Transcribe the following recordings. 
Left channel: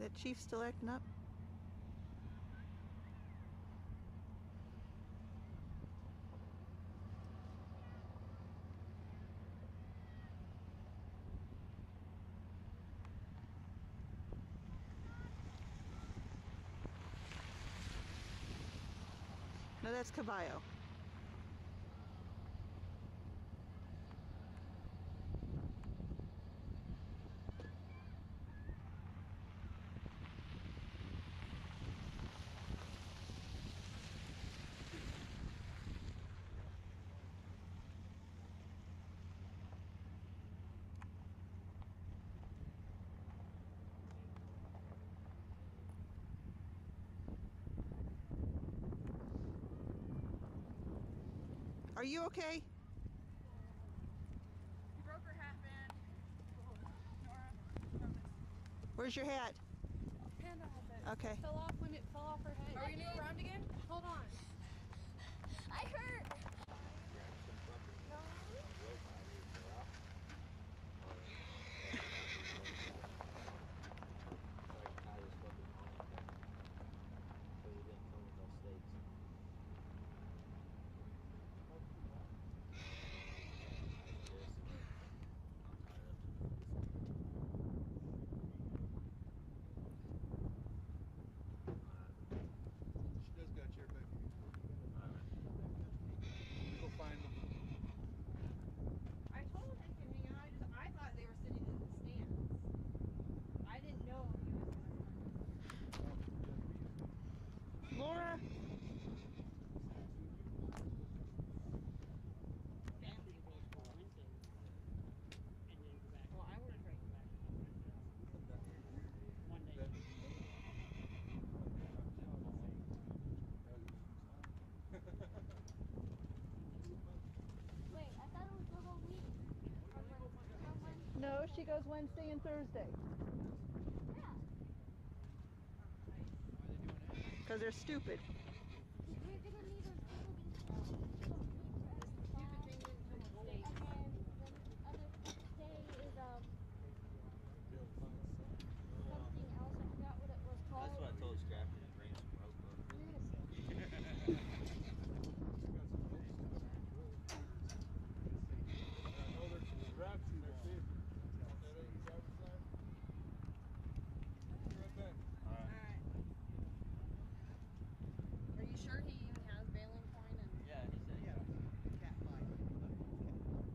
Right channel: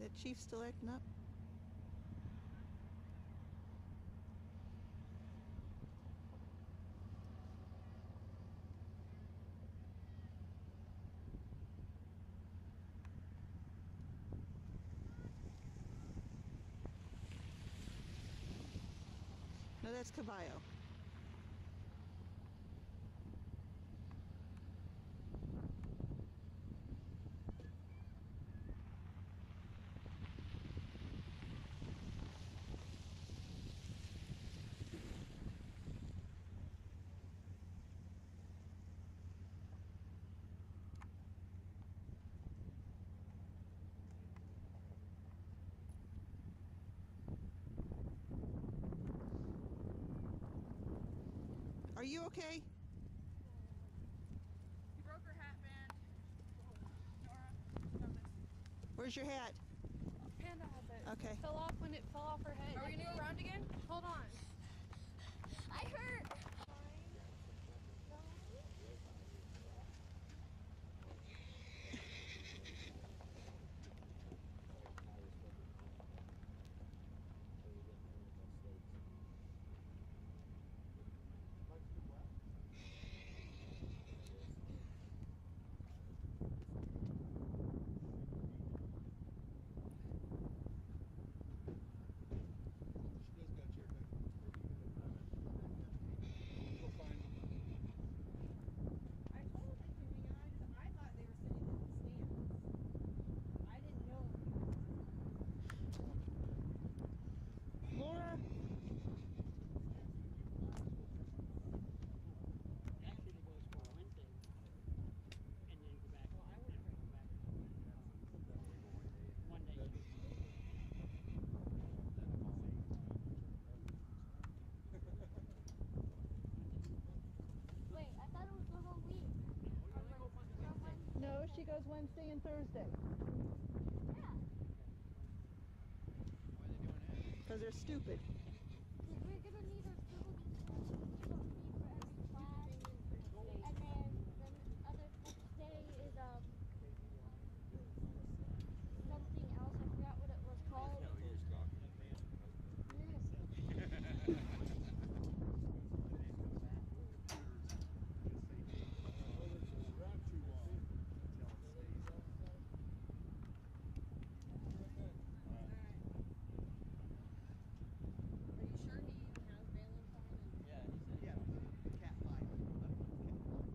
that Chief still acting up? No, that's Caballo. Are you okay? You broke her hat, man. Nora. Where's your hat? Panda has it. Okay. It fell off when it fell off her head. Are we gonna go around again? Hold on. I hurt. She does got your back. We'll go find them. I told him to hang out. I thought they were sitting in the stands. I didn't know he was gonna come. Laura? Well, I would have drank back. One day. Wait, I thought it was the whole week. No, she goes Wednesday and Thursday. Yeah. Why are they doing that? Because they're stupid. Because we're going to need our people to pay for every class. And then the other next day is something else. I forgot what it was called. That's what I told Scrappy to bring some rope up. Oh, there's some scraps you want. Right back. Alright. Are you sure he even has baling twine and Yeah, he said. Yeah, the cat fight. Underneath cat fight.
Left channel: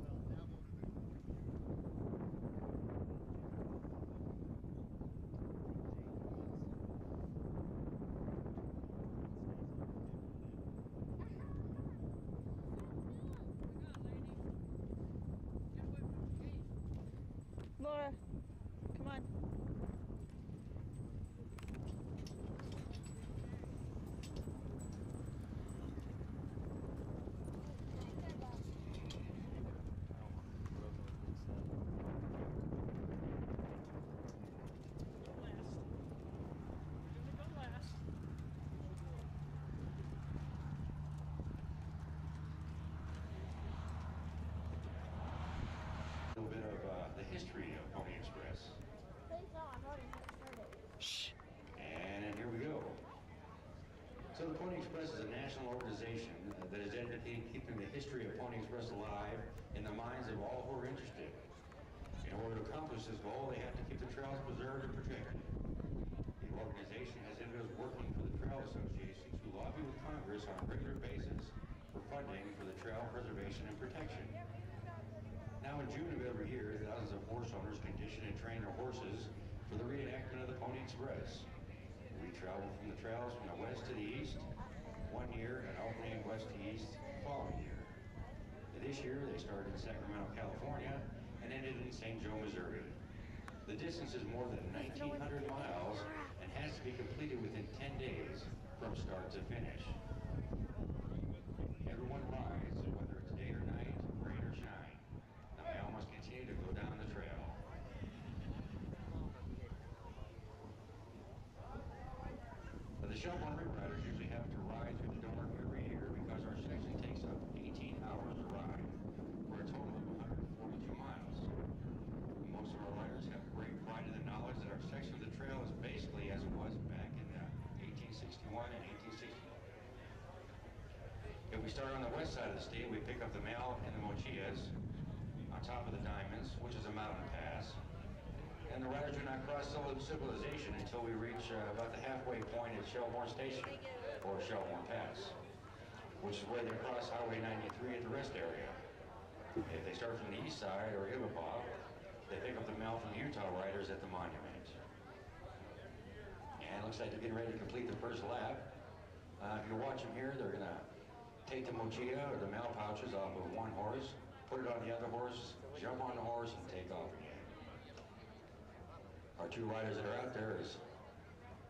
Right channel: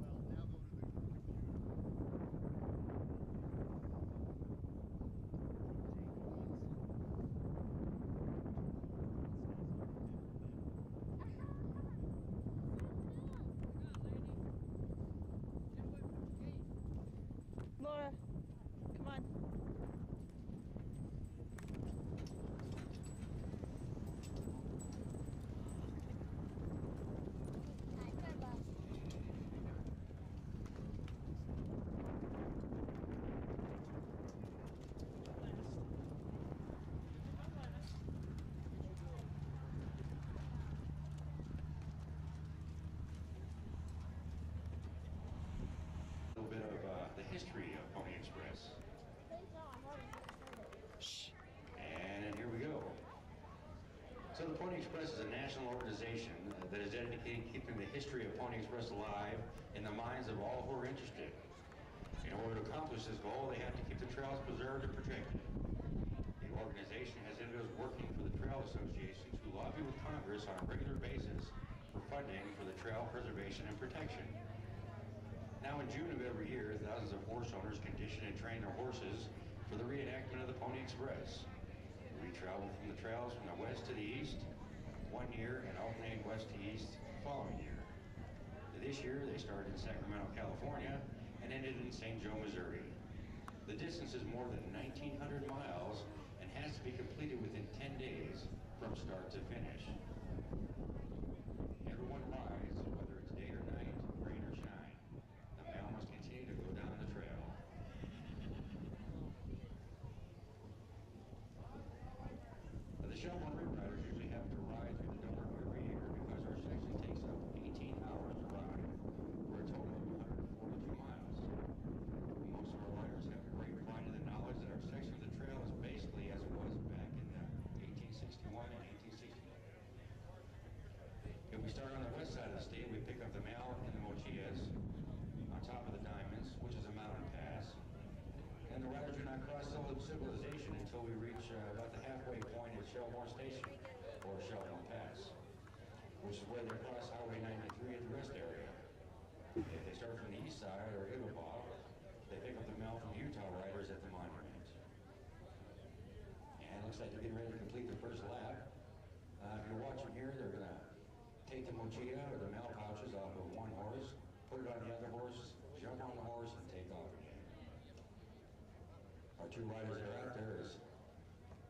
Well, now go to the computer. Laura, come on. A little bit of the history of Pony Express. Please no, I'm already started. Shh. And here we go. So the Pony Express is a national organization that is dedicated to keeping the history of Pony Express alive in the minds of all who are interested. In order to accomplish this goal, they have to keep the trails preserved and protected. The organization has individuals working for the trail associations who lobby with Congress on a regular basis for funding for the trail preservation and protection. Now in June of every year, thousands of horse owners condition and train their horses for the reenactment of the Pony Express. We travel from the trails from the west to the east, one year, and alternating west to east the following year. This year, they started in Sacramento, California, and ended in St. Joe, Missouri. The distance is more than 1,900 miles and has to be completed within 10 days from start to finish. Everyone rides, whether it's day or night, rain or shine. The mail must continue to go down the trail. The Shelbourne Rewriters usually have to ride through the dark every year because our section takes up 18 hours to ride for a total of 142 miles. Most of our riders have great pride in the knowledge that our section of the trail is basically as it was back in 1861 and 1860. If we start on the west side of the state, we pick up the Mal and the Mochillas on top of the Diamonds, which is a mountain pass. And the riders do not cross civilization until we reach about the halfway point at Shelbourne Station, or Shelbourne Pass, which is where they cross Highway 93 at the rest area. If they start from the east side, or Ibabaw, they pick up the mail from the Utah riders at the monument. And it looks like they're getting ready to complete the first lap. If you watch them here, they're going to take the mochila or the mail pouches off of one horse, put it on the other horse, jump on the horse, and take off again. Our two riders that are out there is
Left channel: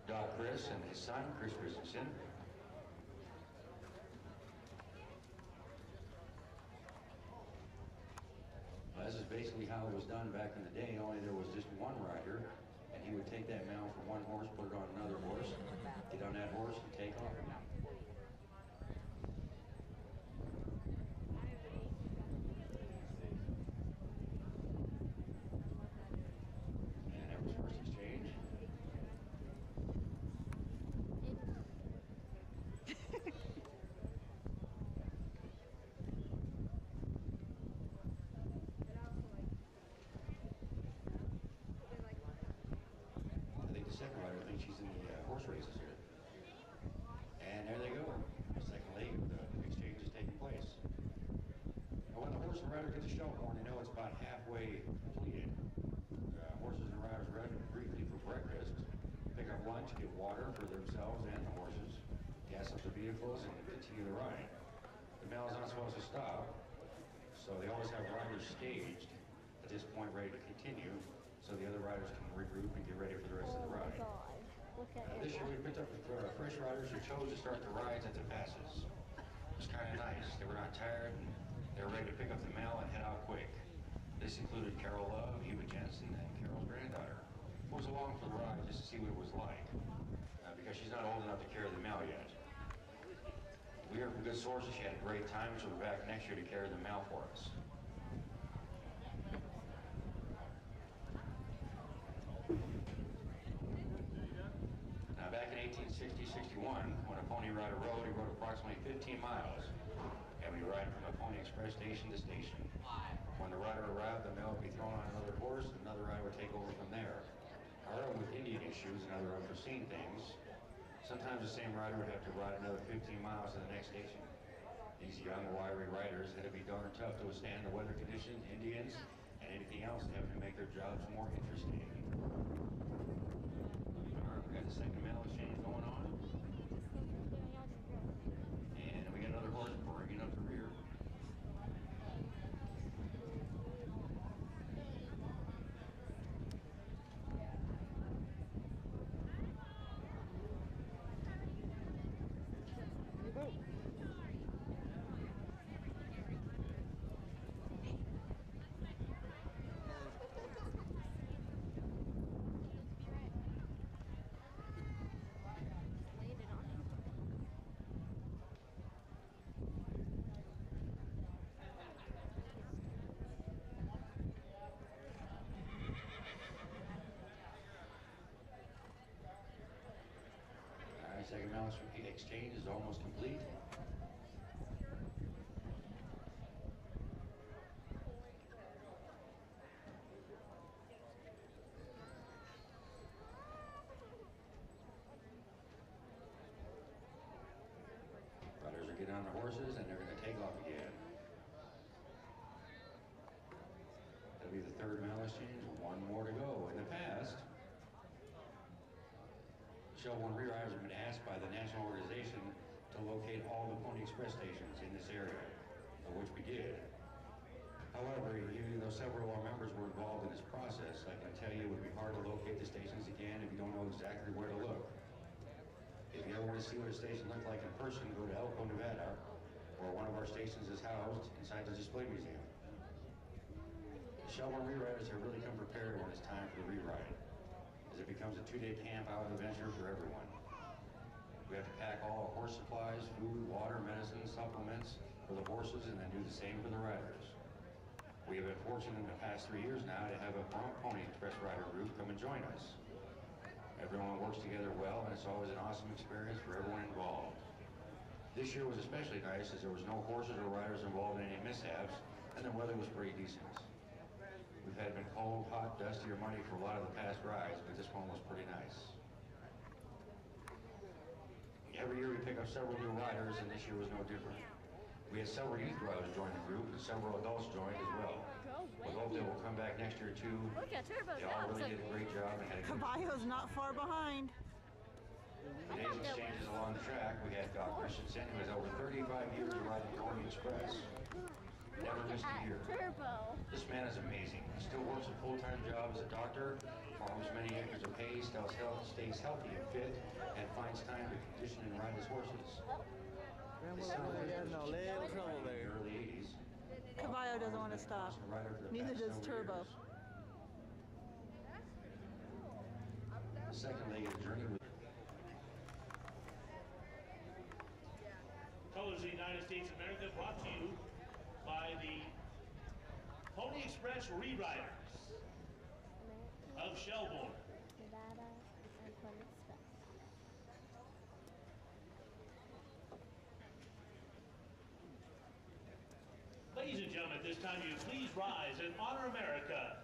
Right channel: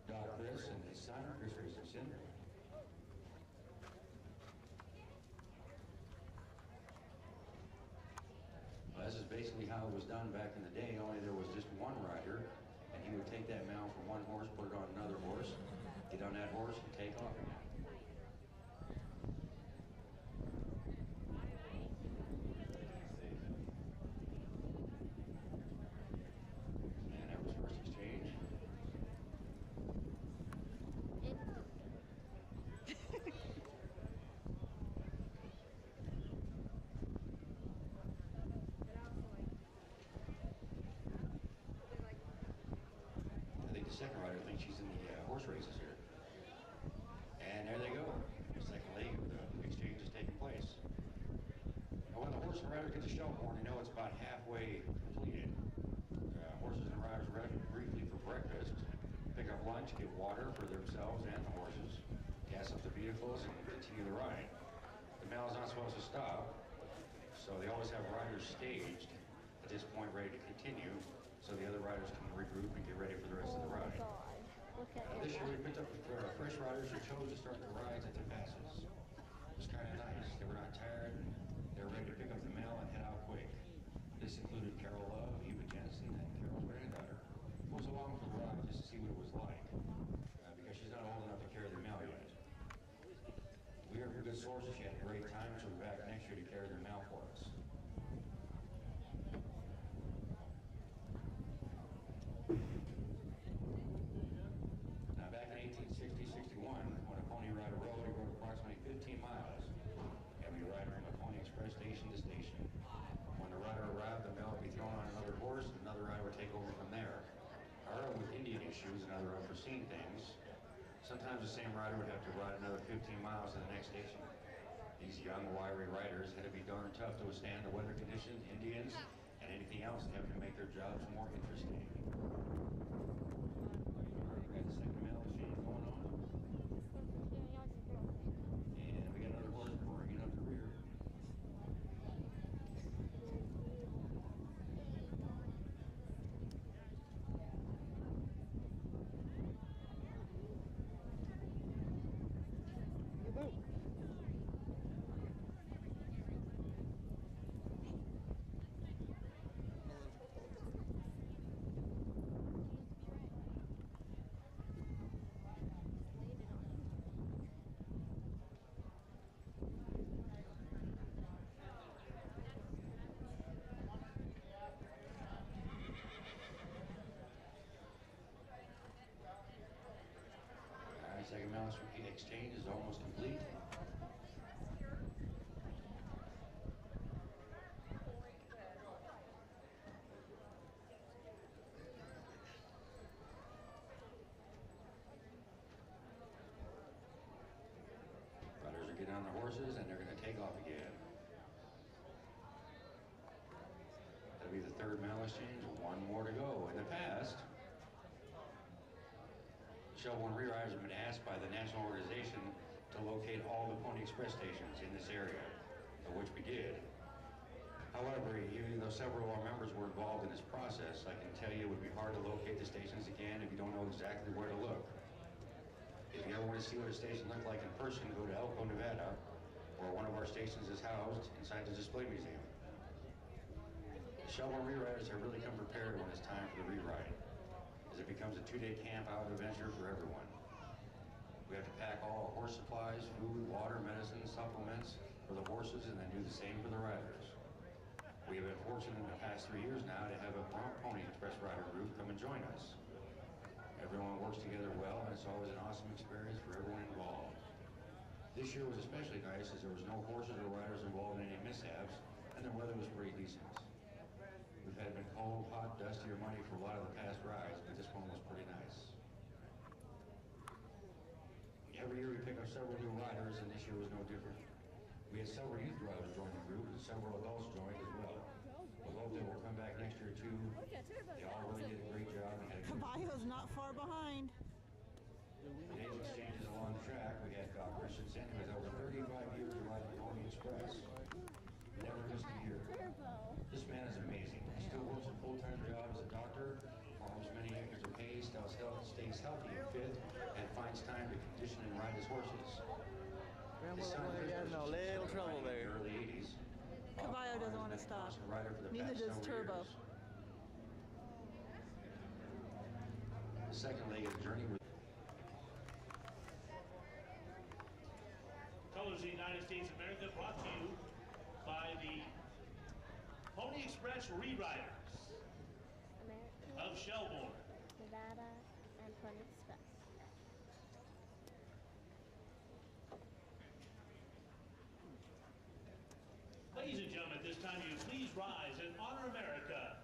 Doc Chris and his son, Chris Christensen. Well, this is basically how it was done back in the day, only there was just one rider, and he would take that mount from one horse, put it on another horse, get on that horse, and take off again. And that was first exchange. I think the second rider thinks she's in the horse races here. And there they go. The second leg of the exchange is taking place. And when the horse and rider get to Shelbourne, they know it's about halfway completed. Horses and riders rest briefly for breakfast, pick up lunch, get water for themselves and the horses, gas up the vehicles, and continue the ride. The mail is not supposed to stop, so they always have riders staged at this point ready to continue, so the other riders can regroup and get ready for the rest of the ride. God. Look at This year we picked up fresh riders who chose to start the rides at the passes. It was kind of nice. They were not tired, and they were ready to pick up the mail and head out quick. This included Carol Love, Eva Jensen, and Carol's granddaughter, who was along for the ride just to see what it was like, because she's not old enough to carry the mail yet. We heard from good sources she had a great time, so we'll be back next year to carry the mail for us. Now, back in 1860-61, when a Pony Rider rode, he rode approximately 15 miles, and we ride from the Pony Express station to station. When the rider arrived, the mail would be thrown on another horse, and another rider would take over from there. However, with Indian issues and other unforeseen things, sometimes the same rider would have to ride another 15 miles to the next station. These young, wiry riders had to be darn tough to withstand the weather conditions, Indians, and anything else that happened to make their jobs more interesting. All right, we got the second mail exchange going on, and we got another horse bringing up the rear. Second mouse exchange is almost complete. Riders are getting on their horses and they're going to take off again. That'll be the third mail exchange. One more to go. In the past, Shelbourne Rewriters have been asked by the national organization to locate all the Pony Express stations in this area, which we did. However, even though several of our members were involved in this process, I can tell you it would be hard to locate the stations again if you don't know exactly where to look. If you ever want to see what a station looked like in person, go to Elko, Nevada, where one of our stations is housed inside the Display Museum. The Shelbourne Rewriters have really come prepared when it's time for the rewrite, as it becomes a two-day camp out adventure for everyone. horse supplies, food, water, medicine, supplements for the horses, and then do the same for the riders. We have been fortunate in the past 3 years now to have a Pony Express rider group come and join us. Everyone works together well, and it's always an awesome experience for everyone involved. This year was especially nice as there was no horses or riders involved in any mishaps, and the weather was pretty decent. We've had been cold, hot, dusty, or muddy for a lot of the past rides, but this one was pretty nice. Every year we pick up several new riders, and this year was no different. We had several youth riders join the group, and several adults joined as well. We hope they will come back next year too. Look at Turbo. They all really did a great job and had a good Caballo's not far behind. Today's exchanges along the track, we had Doc Christensen, who has over 35 years of riding Pony Express. Never missed a year. Turbo. This man is amazing. He still works a full-time job as a doctor, farms many acres of hay, stays healthy and fit, and finds time to condition and ride his horses. His son Chris was just starting riding in the early 80s. Caballo doesn't want to He's been a stop. constant rider for the Neither past does several Turbo. years. The second leg of the journey was Colors of the United States of America brought to you by the Pony Express Re-Riders of Shelbourne. Nevada, and Pony Express. Ladies and gentlemen, at this time, you please rise and honor America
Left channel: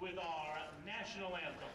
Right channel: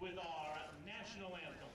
with our national anthem.